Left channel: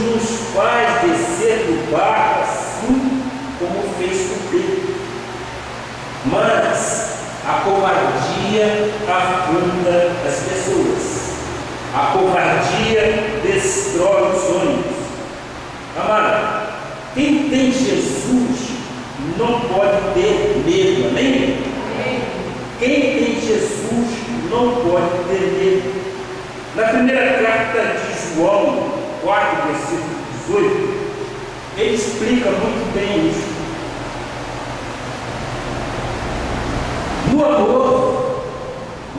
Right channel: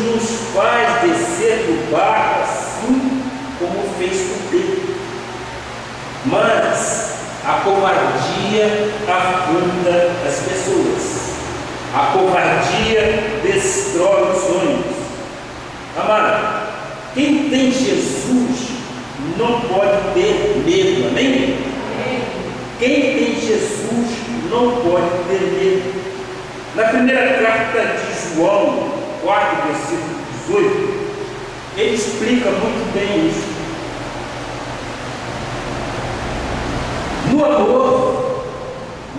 nos faz descer do barco assim como fez com Pedro. Mas a covardia afunda as pessoas. A covardia destrói os sonhos. Amado, quem tem Jesus não pode ter medo, amém? Quem tem Jesus não pode ter medo. Na primeira carta de João 4, versículo 18, ele explica muito bem isso. No amor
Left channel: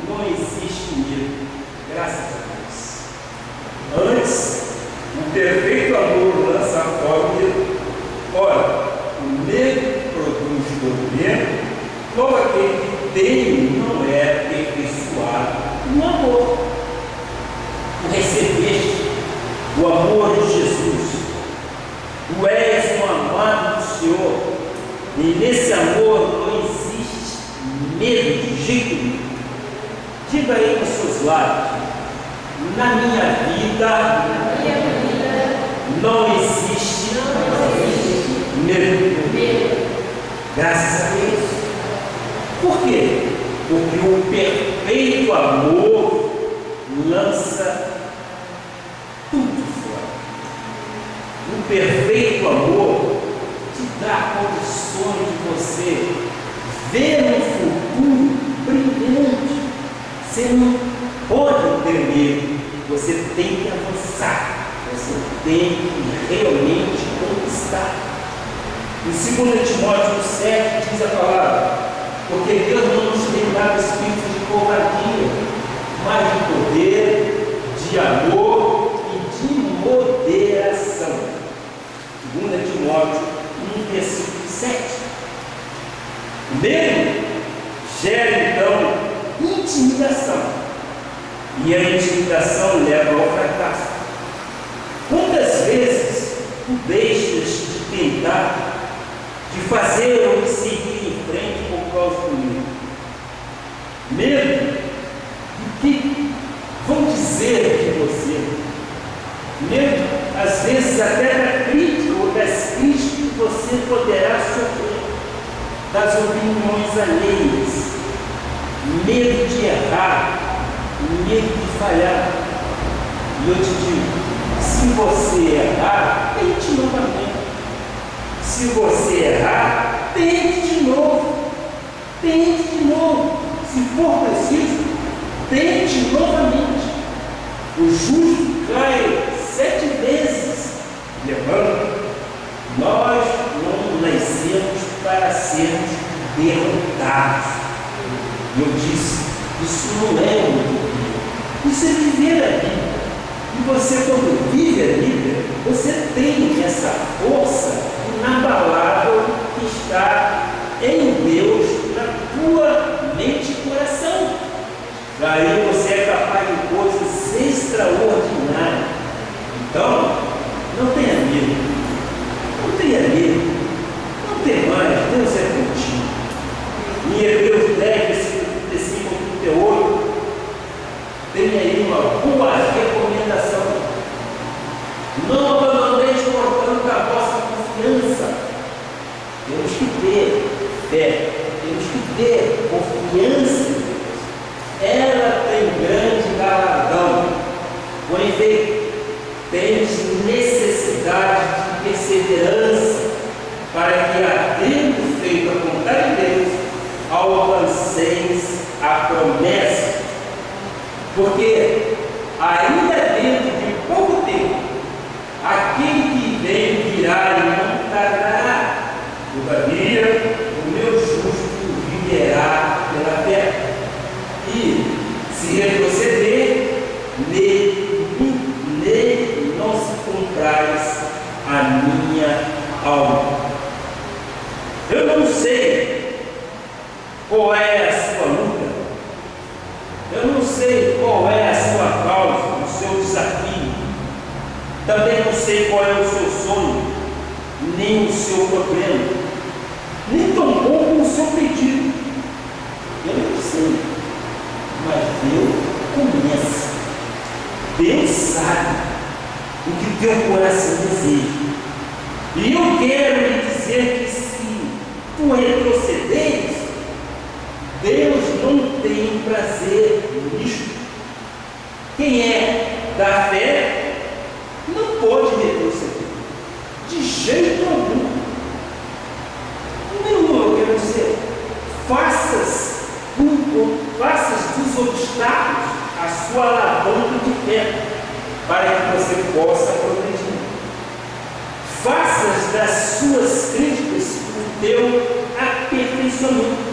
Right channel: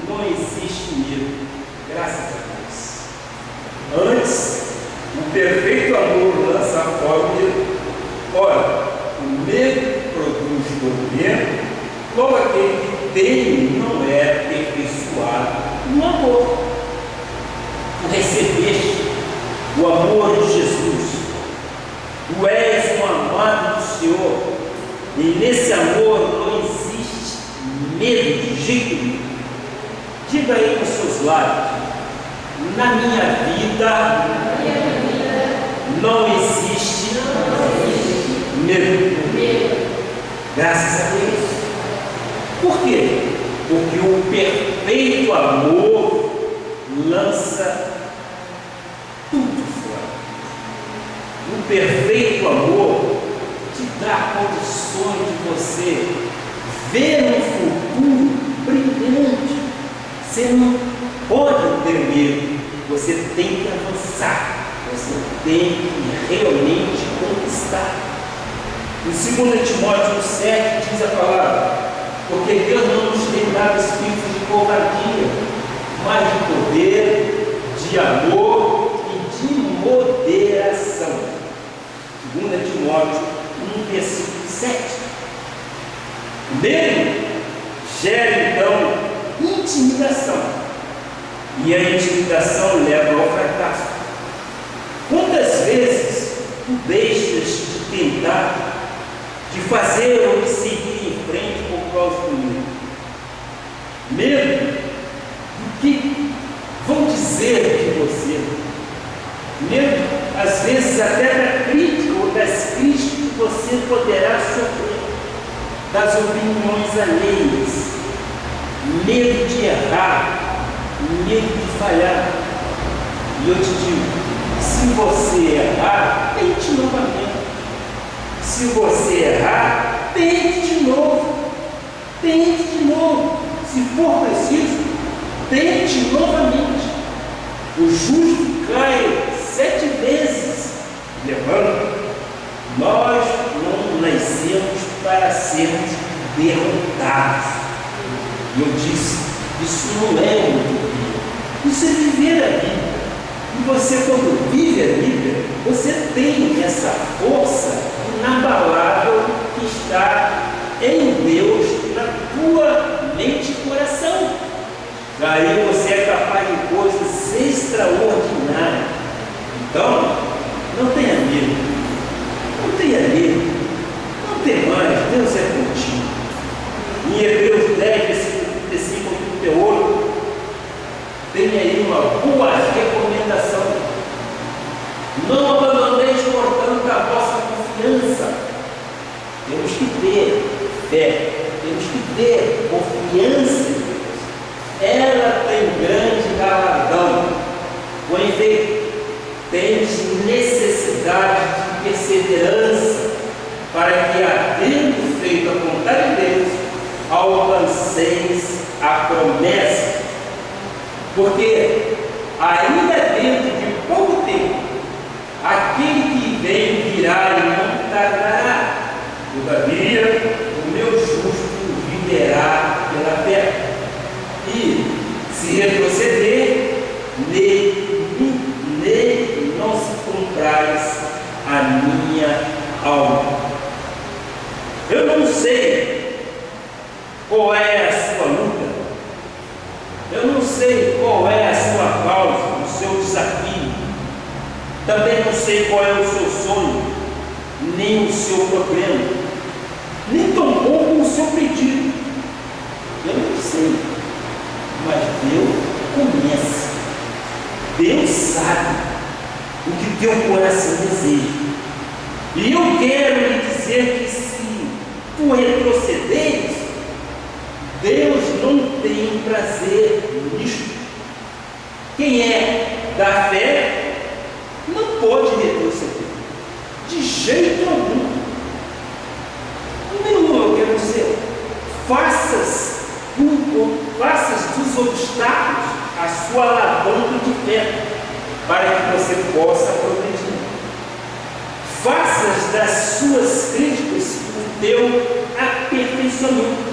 não existe medo, graças a Deus. Antes, o perfeito amor lança fora o medo. Ora, o medo produz tormento, logo aquele que tem não é aperfeiçoado no amor. Tu recebeste o amor de Jesus, tu és um amado do Senhor, e nesse amor não existe medo de jeito nenhum. Diga aí com seus lábios: na minha vida não existe medo. Graças a Deus. Por quê? Porque o perfeito amor lança tudo fora. O perfeito amor te dá condições de você ver um futuro brilhante. Você não pode ter medo, você tem que avançar, você tem que realmente conquistar. Em 2 Timóteo 7 diz a palavra: porque Deus não nos tem dado espírito de covardia, mas de poder, de amor e de moderação. 2 Timóteo 1, versículo 7. O medo gera então intimidação, e a intimidação leva ao fracasso. Quantas vezes tu deixas de tentar, de fazer ou de seguir em frente por causa do medo? Medo do que vão dizer de você. Medo, às vezes, até da crítica ou das críticas que você poderá sofrer, das opiniões alheias. Medo de errar, medo de falhar. E eu te digo, se você errar, tente novamente. Se você errar, tente de novo. Tente de novo. Se for preciso, tente novamente. O justo cai 7 vezes, levanta. Nós não nascemos para sermos derrotados. E eu disse, isso não é utopia, isso é viver a Bíblia. E você, quando vive a Bíblia, você tem essa força inabalável que está em Deus, na tua mente e coração. Daí você é capaz de coisas extraordinárias. Então, não tenha medo. Não tenha medo. Não tem mais. Deus é contigo. Em Hebreus 10, versículo 35 a 38, tem aí uma boa recomendação. Não abandoneis, portanto, a vossa confiança. Temos que ter fé, temos que ter confiança em Deus. Ela tem grande galardão. Com efeito, tens necessidade de perseverança, para que, havendo feito a vontade de Deus, alcanceis a promessa. Porque ainda dentro de pouco tempo, aquele que vem virá e não tardará. Todavia, o meu justo viverá pela fé. E se retroceder, nele não se comprais a minha alma. Eu não sei qual é a sua luta. Eu não sei qual é a sua causa, o seu desafio. Também não sei qual é o seu sonho, nem o seu problema, nem tão pouco o seu pedido. Eu não sei, mas Deus conhece. Deus sabe o que teu coração deseja. E eu quero lhe dizer que se tu retrocederes, Deus não tem prazer nisto. Quem é da fé não pode retroceder, de jeito algum. Meu irmão, eu quero dizer, faças dos obstáculos a sua alavanca de fé, para que você possa progredir. Faças das suas críticas o teu aperfeiçoamento.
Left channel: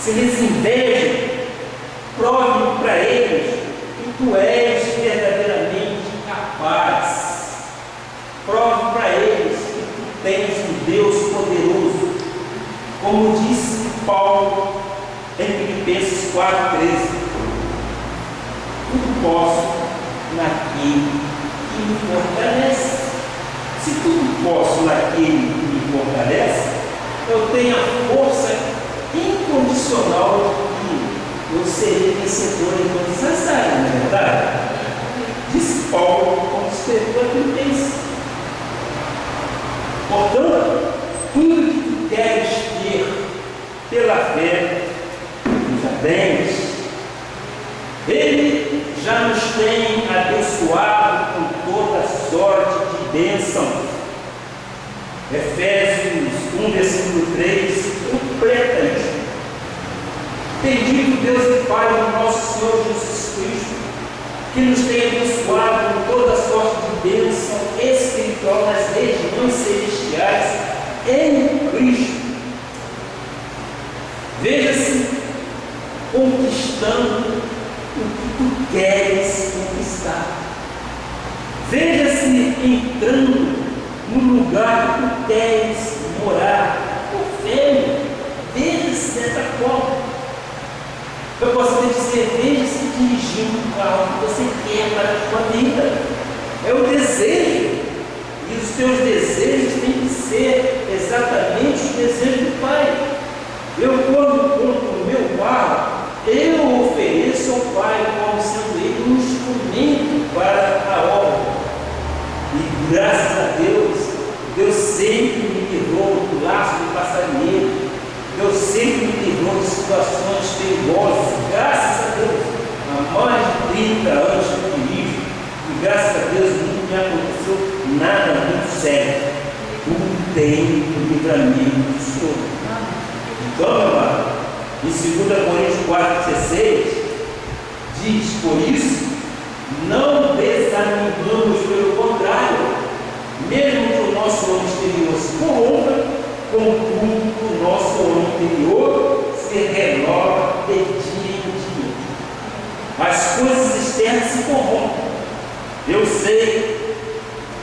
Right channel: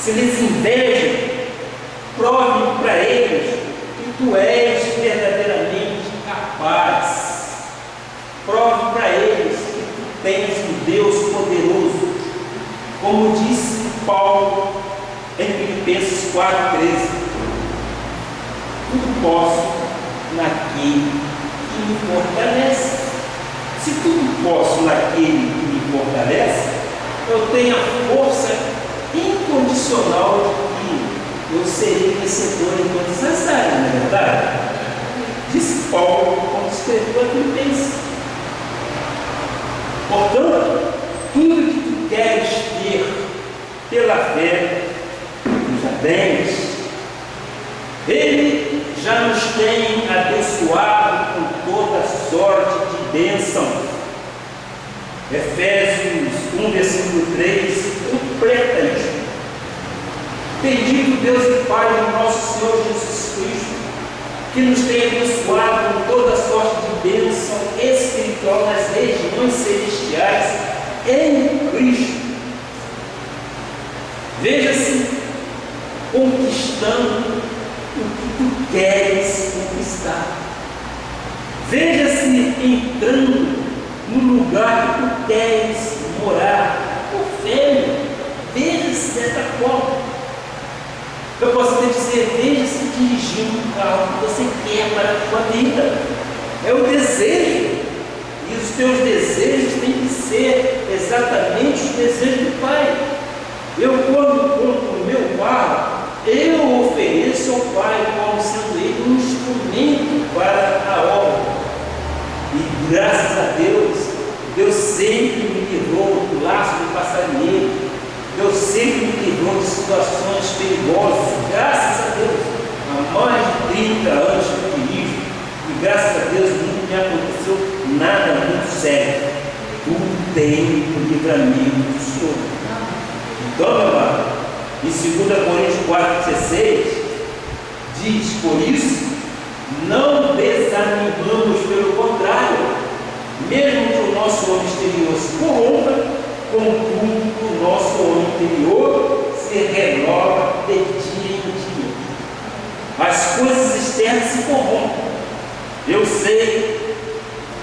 Se eles invejam, prove para eles que tu és verdadeiramente capaz. Prove para eles que tu tens um Deus poderoso. Como disse Paulo em Filipenses 4,13: tudo posso naquele que me fortalece. Se tudo posso naquele que me fortalece, eu tenho a força incondicional de que eu serei vencedor em todas as áreas, não é verdade? Disse Paulo quando escreveu a Filipenses. Portanto, tudo que tu queres ter pela fé, tu já tens. Ele já nos tem abençoado com toda sorte de bênçãos. Efésios 1, versículo 3, completa isso. Bendito Deus e Pai do nosso Senhor Jesus Cristo, que nos tem abençoado com toda sorte de bênção espiritual nas regiões celestiais em Cristo. Veja-se conquistando o que tu queres conquistar. Veja-se entrando no lugar que tu queres morar. Por fé, veja-se dessa forma. Eu posso te dizer, veja-se dirigindo o carro que você quer para a sua vida. É o desejo. E os teus desejos têm que ser exatamente os desejos do Pai. Eu, quando compro o meu carro, eu ofereço ao Pai como sendo Ele um instrumento para a obra. E graças a Deus, Deus sempre me livrou do laço do passarinheiro. Deus sempre me livrou de situações perigosas. Graças a Deus, há mais de 30 anos que eu dirijo, e graças a Deus nunca me aconteceu nada muito sério. Tudo tem o livramento do Senhor. Então, meu amado, em 2 Coríntios 4,16, diz: por isso, não desanimamos, pelo contrário, mesmo que o nosso homem exterior se corrompa, contudo, o nosso homem interior se renova de dia em dia. As coisas externas se corrompem. Eu sei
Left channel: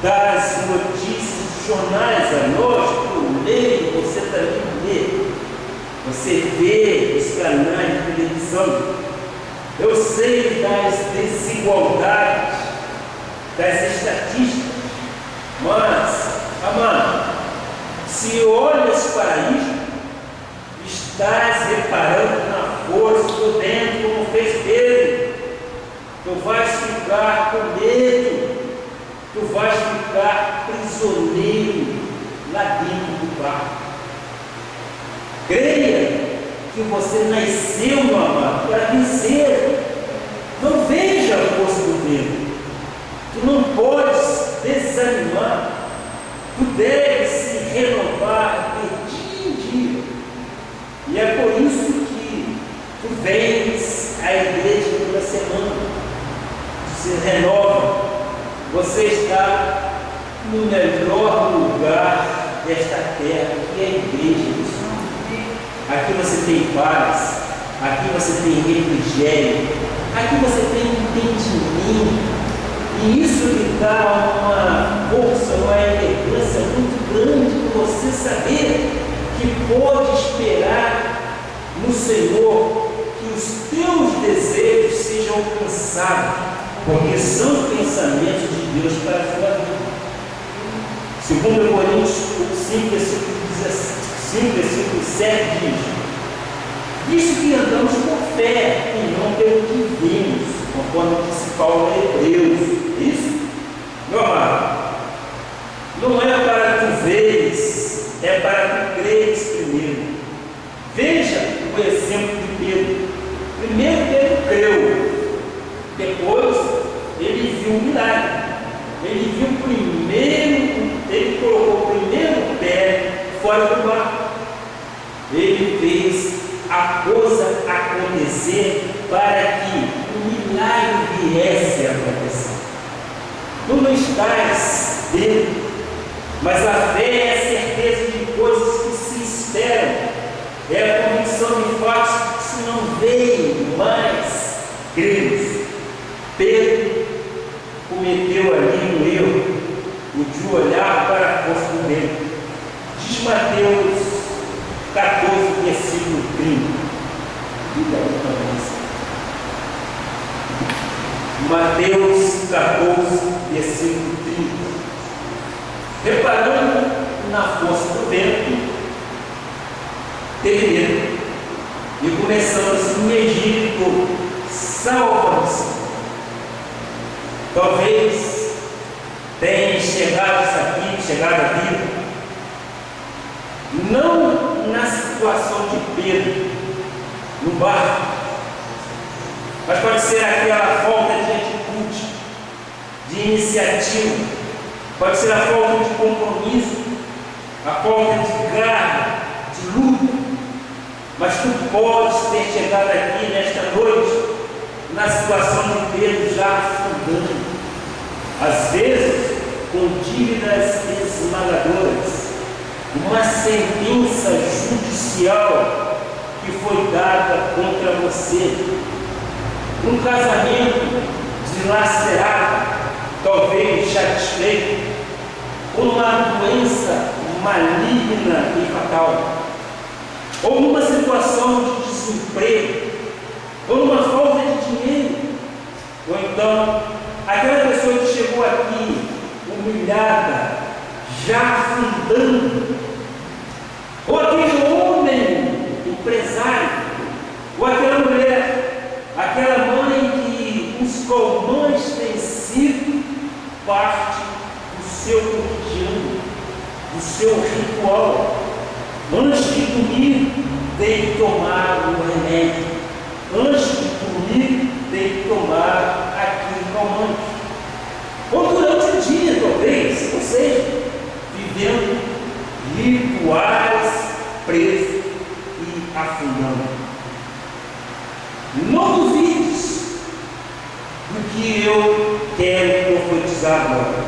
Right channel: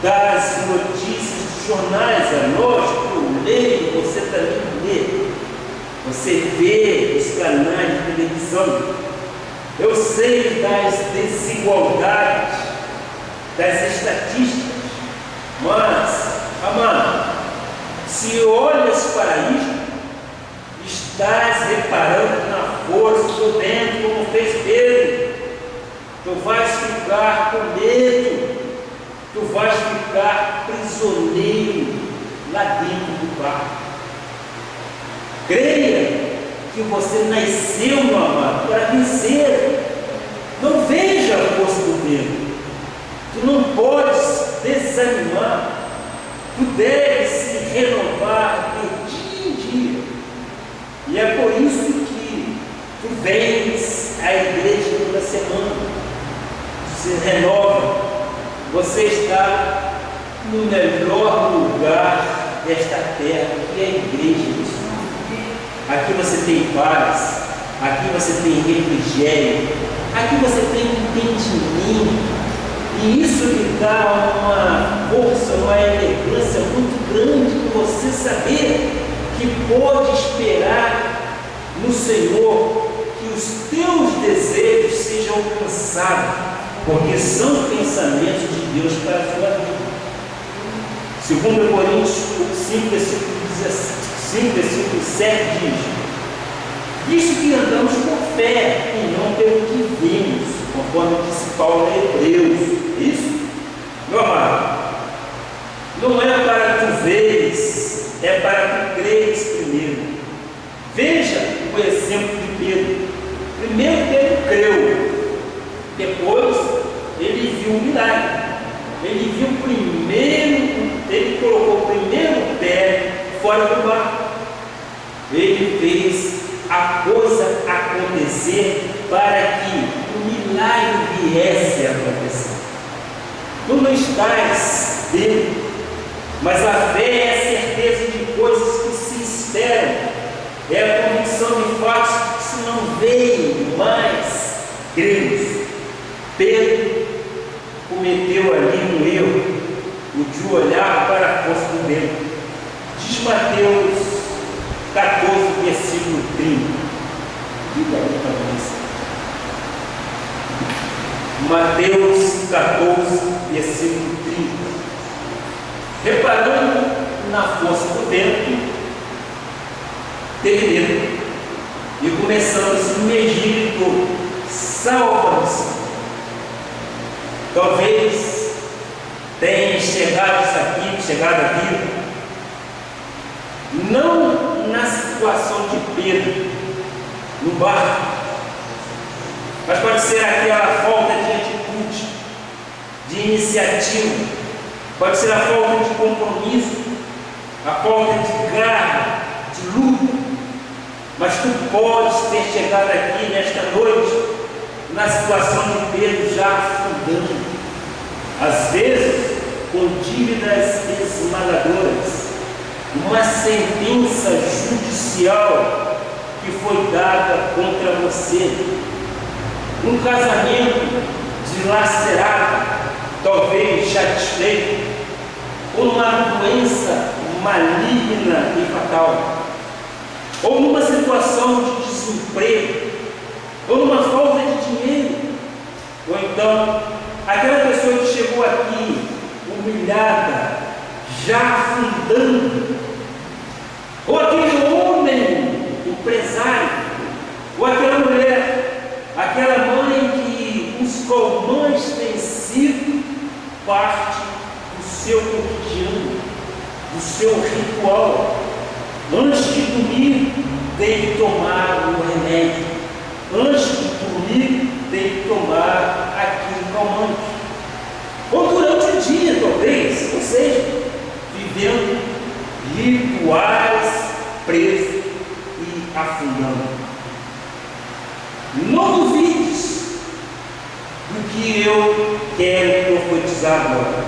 das notícias dos jornais a nós, que eu leio, você também lê. Você vê os canais de televisão. Eu sei das desigualdades, das estatísticas. Mas, amado, se olhas para isto, estás reparando na força do vento, como fez Pedro. Tu vais ficar com medo, tu vais ficar prisioneiro lá dentro do barco. Creia que você nasceu, meu amado, para vencer. Não veja a força do vento. Tu não podes desanimar. Tu deves se renovar de dia em dia. E é por isso que tu vens à igreja toda semana. Tu se renova. Você está no melhor lugar desta terra, que é a igreja do Senhor. Aqui você tem paz, aqui você tem refrigério, aqui você tem entendimento. E isso lhe dá uma força, uma elegância muito grande para você saber que pode esperar no Senhor que os teus desejos sejam alcançados, porque são pensamentos de Deus para a sua vida. 2 Coríntios 5, versículo 7 diz: visto que andamos por fé e não pelo que vimos, conforme disse Paulo a Hebreus. Isso? Meu amado, não é para tu veres, é para tu creres primeiro. Veja o exemplo de Pedro. Primeiro Pedro creu, depois ele viu o milagre. Ele viu primeiro, ele colocou o primeiro pé fora do barco. Ele fez a coisa acontecer para que o milagre viesse a acontecer. Tu não estás vendo, mas a fé é a certeza de coisas que se esperam, é a convicção de fatos que se não veem, mas cremos. Pedro cometeu ali um erro, o de olhar para a força do vento. Diz Mateus 14, versículo 30. Diga aí para você. Mateus 14, versículo 30. Reparando na força do vento, teve medo e começando a se imergir em tudo. Salva-nos. Talvez tenha chegado isso aqui, chegado a vida, não na situação de Pedro, no barco, mas pode ser aquela falta de atitude, de iniciativa, pode ser a falta de compromisso, a falta de garra, de luta, mas tu podes ter chegado aqui nesta noite na situação de Pedro já afundando, às vezes com dívidas esmagadoras, uma sentença judicial que foi dada contra você, um casamento dilacerado, talvez satisfeito, ou uma doença maligna e fatal, ou numa situação de desemprego, ou numa falta de dinheiro, ou então aquela pessoa que chegou aqui humilhada, já afundando, ou aquele homem empresário, ou aquela mulher, aquela mãe que os pulmões têm sido parte do seu cotidiano, do seu ritual. Antes de dormir, tem que tomar o remédio. Antes de dormir, tem que tomar aquele calmante. Ou durante o dia, talvez, ou seja, vivendo rituais presos e afundando. Não duvides do que eu quero profetizar agora.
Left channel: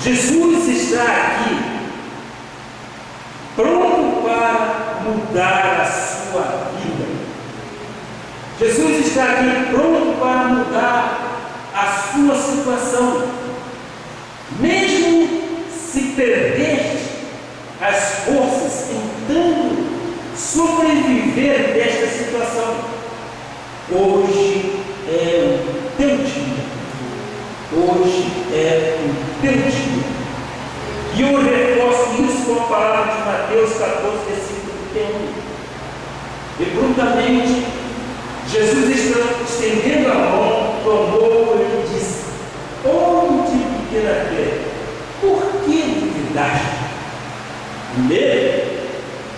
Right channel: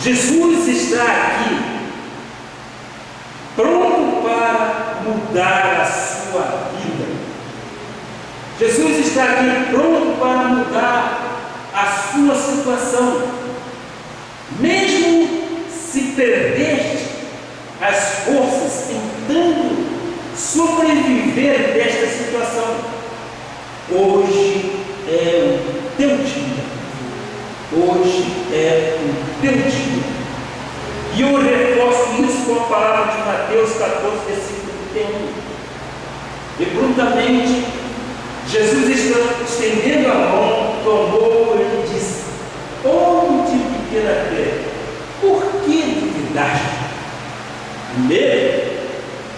Jesus está aqui pronto para mudar a sua vida. Jesus está aqui pronto para mudar a sua situação. Mesmo se perdeste as forças tentando sobreviver desta situação, hoje é o teu dia. Hoje é o teu dia. E eu reforço isso com a palavra de Mateus 14, versículo 31. E prontamente, Jesus estendendo a mão, tomou e disse: homem de pequena fé, por que duvidaste? O medo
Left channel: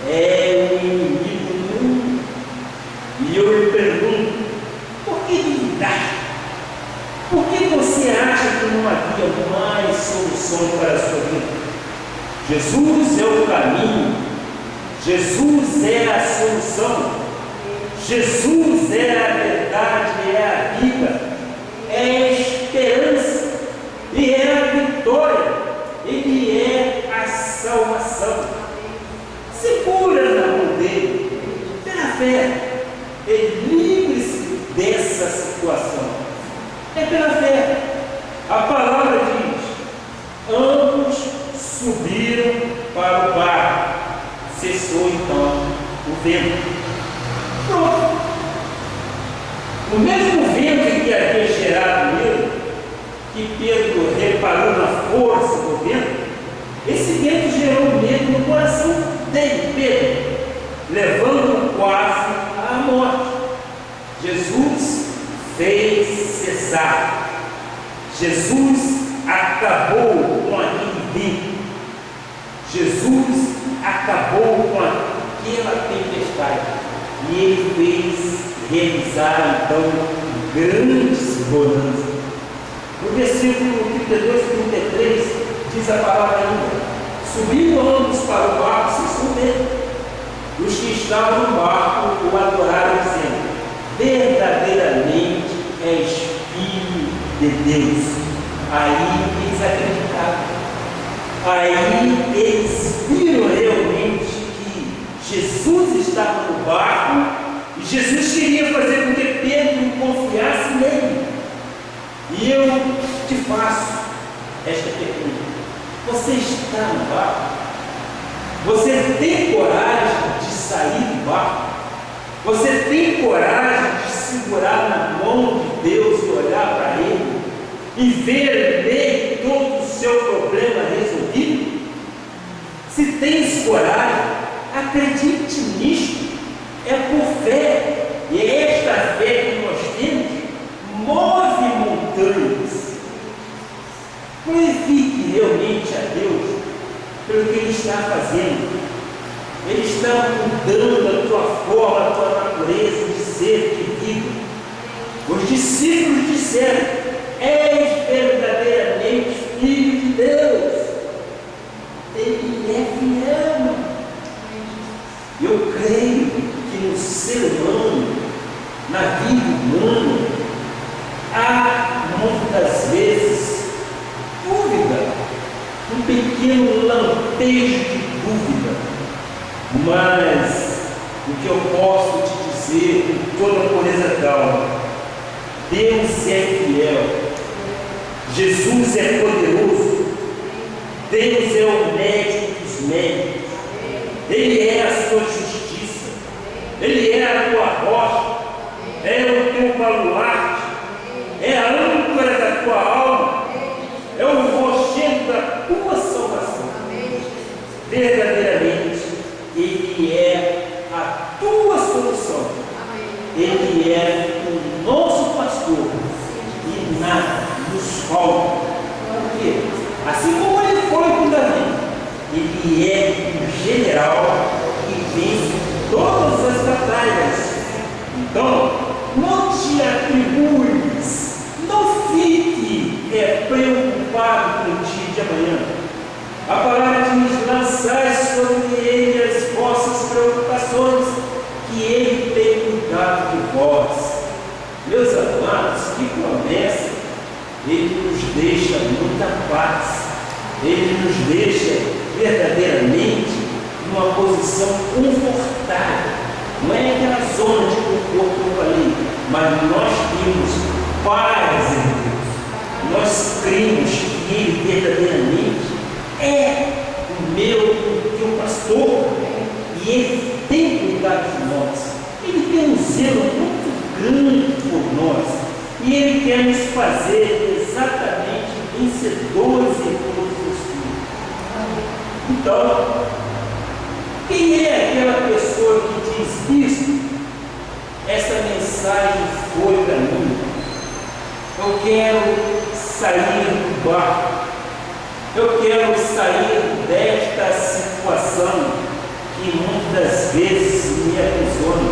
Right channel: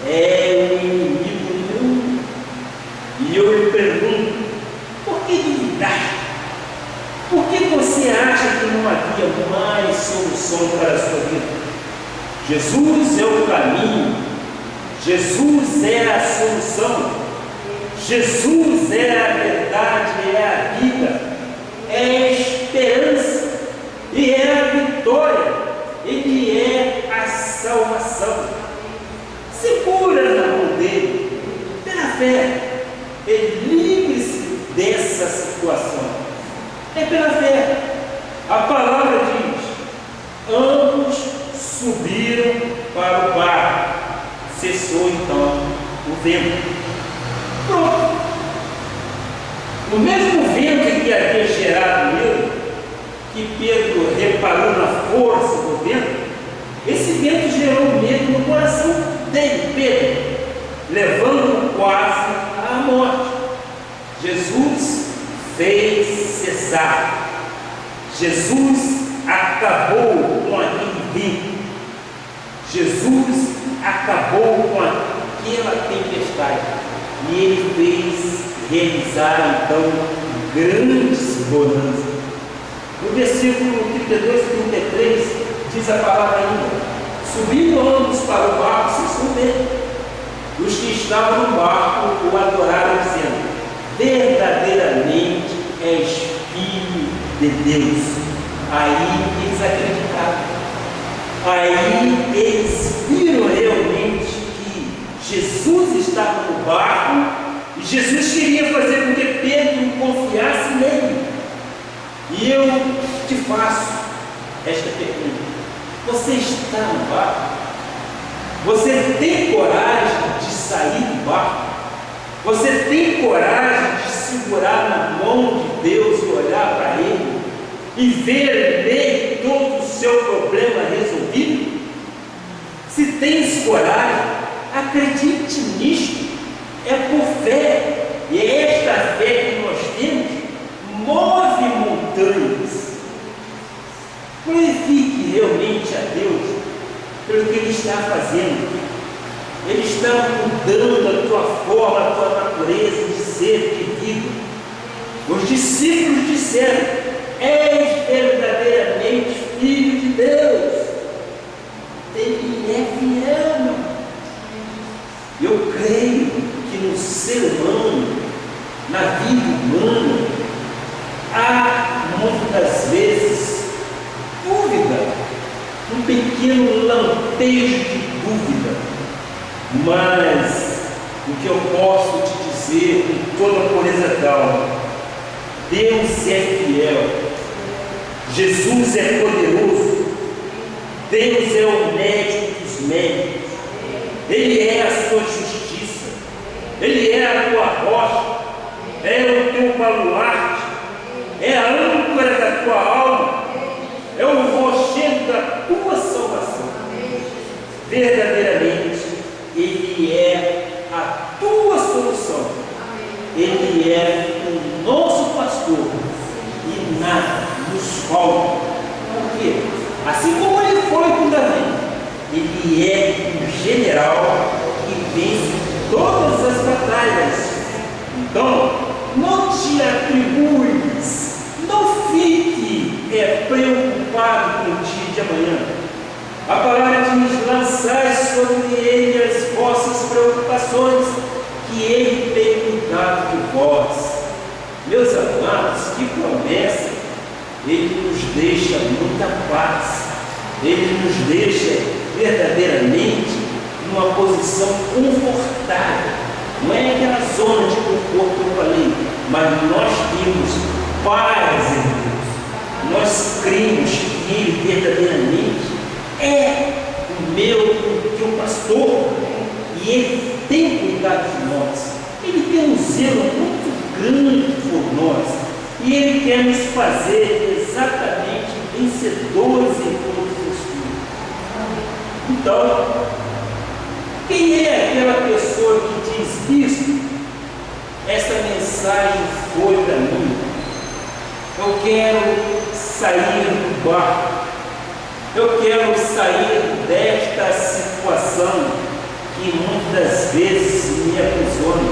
é o inimigo do mundo. E eu lhe pergunto: por que duvidaste? Por que você acha que não havia mais solução para a sua vida? Jesus é o caminho, Jesus é a solução, Jesus é a verdade, é a vida, é a esperança e é a vitória, Ele é a salvação. Segura na mão dele, pela fé, e livre-se dessa situação. É pela fé. A palavra diz: ambos subiram para o barco. Cessou então o vento. Pronto. O mesmo vento que havia gerado medo, que Pedro reparou na força do vento, esse vento gerou medo no coração dele, Pedro, levando-o quase à morte. Jesus fez cessar. Jesus acabou com aquele vento. Jesus acabou com aquela tempestade. E ele fez realizar então grandes bonanças. No versículo 32 e 33 diz a palavra ainda: subindo ambos para o barco sem subir. Os que estavam no barco o adoraram, dizendo: verdadeiramente és filho de Deus. Aí eles acreditaram. Aí eles viram realmente que Jesus estava no barco e Jesus queria fazer com que Pedro confiasse nele. E eu te faço esta pergunta: você está no barco? Você tem coragem de sair do barco? Você tem coragem de segurar na mão de Deus e olhar para Ele e ver nele todo o seu problema resolvido? Se tens coragem, acredite nisto. É por fé. E é esta fé que nós temos move montanhas. Glorifique realmente a Deus pelo que Ele está fazendo. Ele está mudando a tua forma, a tua natureza de ser, de vida. Os discípulos disseram: és verdadeiramente filho de Deus. Ele é fiel. Eu creio que no ser humano, na vida humana, há muitas vezes dúvida, um pequeno lampejo de dúvida. Mas o que eu posso te dizer com toda a pureza d'alma: Deus é fiel, Jesus é poderoso, Deus é o médico dos médicos, Ele é a sua justiça, Ele é a tua rocha, é o teu baluarte, é a âncora da tua alma, é o rochedo da tua salvação. Verdadeiramente, Ele é a tua solução. Ele é o nosso pastor e nada nos falta. Por quê? Assim como Ele foi com Davi, Ele é um general que vence todas as batalhas. Então, não te atribuis, não fique preocupado com o dia de amanhã. A palavra diz: lançai sobre Ele as vossas preocupações, que Ele tem cuidado de vós. Meus amados, que promessa! Ele nos deixa muita paz, Ele nos deixa verdadeiramente numa posição confortável. Não é aquela zona de conforto que eu falei, mas nós temos paz em Deus. Nós cremos que Ele verdadeiramente é o teu pastor, e Ele tem cuidado de nós. Ele tem um zelo muito grande por nós, e Ele quer nos fazer exatamente vencedores em todos os filhos. Então, quem é aquela pessoa que diz isso? Essa mensagem foi para mim. Eu quero sair do barco. Eu quero sair desta situação que muitas vezes me aprisiona,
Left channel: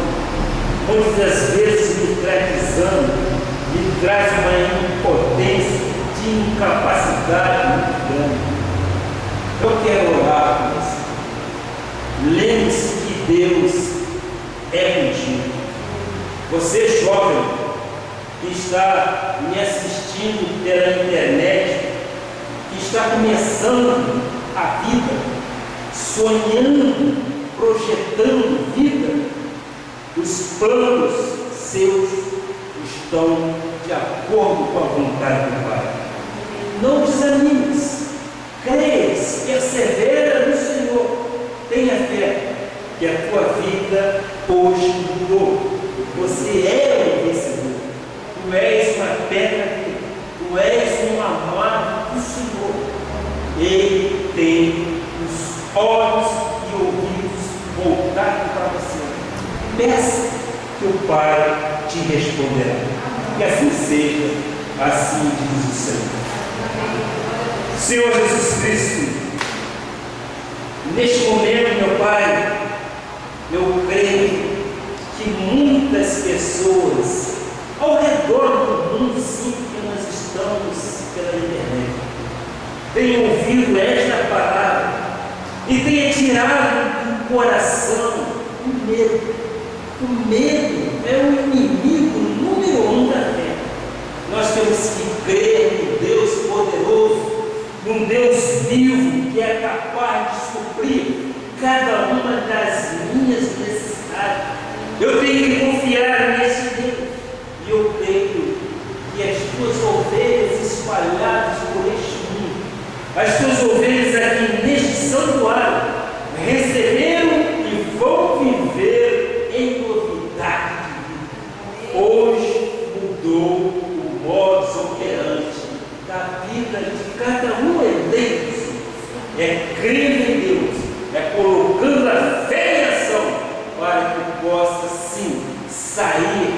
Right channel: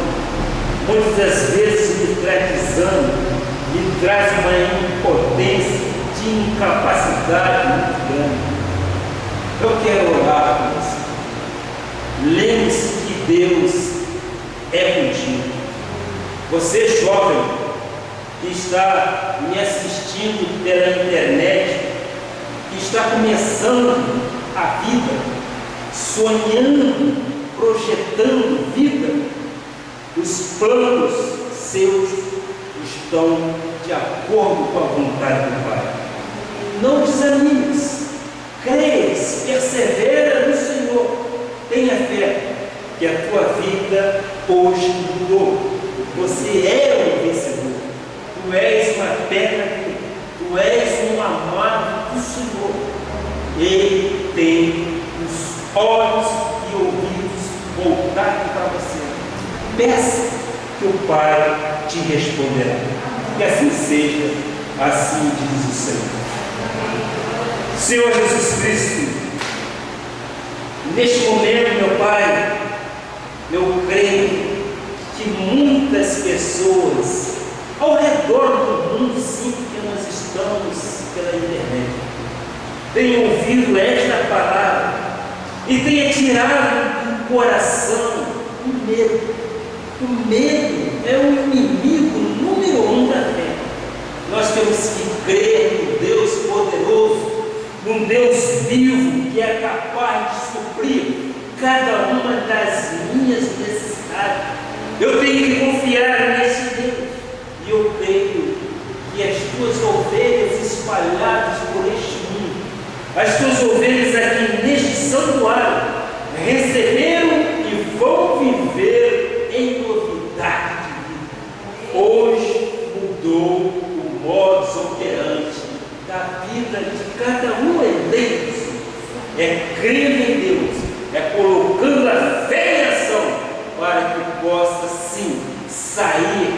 muitas vezes me traz desânimo, me traz uma impotência de incapacidade muito grande. Eu quero orar por você. Lembre-se que Deus é contigo. Você, jovem, que está me assistindo pela internet, que está começando a vida, sonhando, projetando vida, os planos seus estão de acordo com a vontade do Pai. Não desanimes, creias, persevera no Senhor, tenha fé, que a tua vida hoje mudou. Você é um vencedor, tu és uma pedra viva, tu és um amado do Senhor. Ele tem os olhos e ouvidos voltados para você. Peça que o Pai te responderá. Que assim seja, Assim diz o Senhor. Senhor Jesus Cristo, neste momento, meu Pai, eu creio que muitas pessoas ao redor do mundo, sim, que nós estamos pela internet, tenham ouvido esta palavra e tenha tirado do coração o medo. O medo é o inimigo número 1 da fé. Nós temos que crer no Deus poderoso, num Deus vivo que é capaz de suprir cada uma das minhas necessidades. Eu tenho que confiar nesse Deus. E eu creio que as tuas ovelhas espalhadas por este mundo, as tuas ovelhas aqui neste santuário, receberam e vão viver em novidade de vida. Hoje mudou o modus operandi da vida de cada um deles. É crendo em Deus, é colocando a fé em ação para que possa sim sair,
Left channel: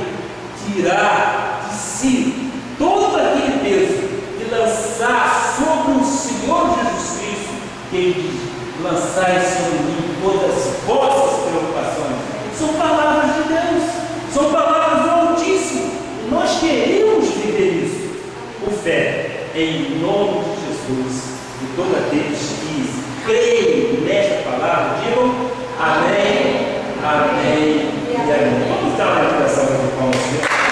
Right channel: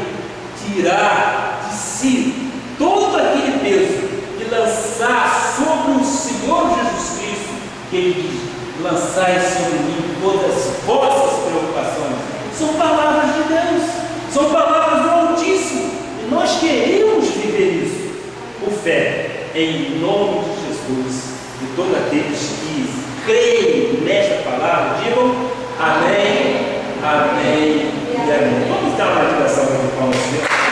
tirar de si todo aquele peso e lançar sobre o Senhor Jesus Cristo, que Ele diz: lançai sobre mim todas as vossas preocupações. São palavras de Deus, são palavras do Altíssimo, e nós queremos viver isso por fé, em nome de Jesus. E todos aqueles que creem nesta palavra, digam amém, amém e amém. Vamos dar uma oração de palmas, Senhor.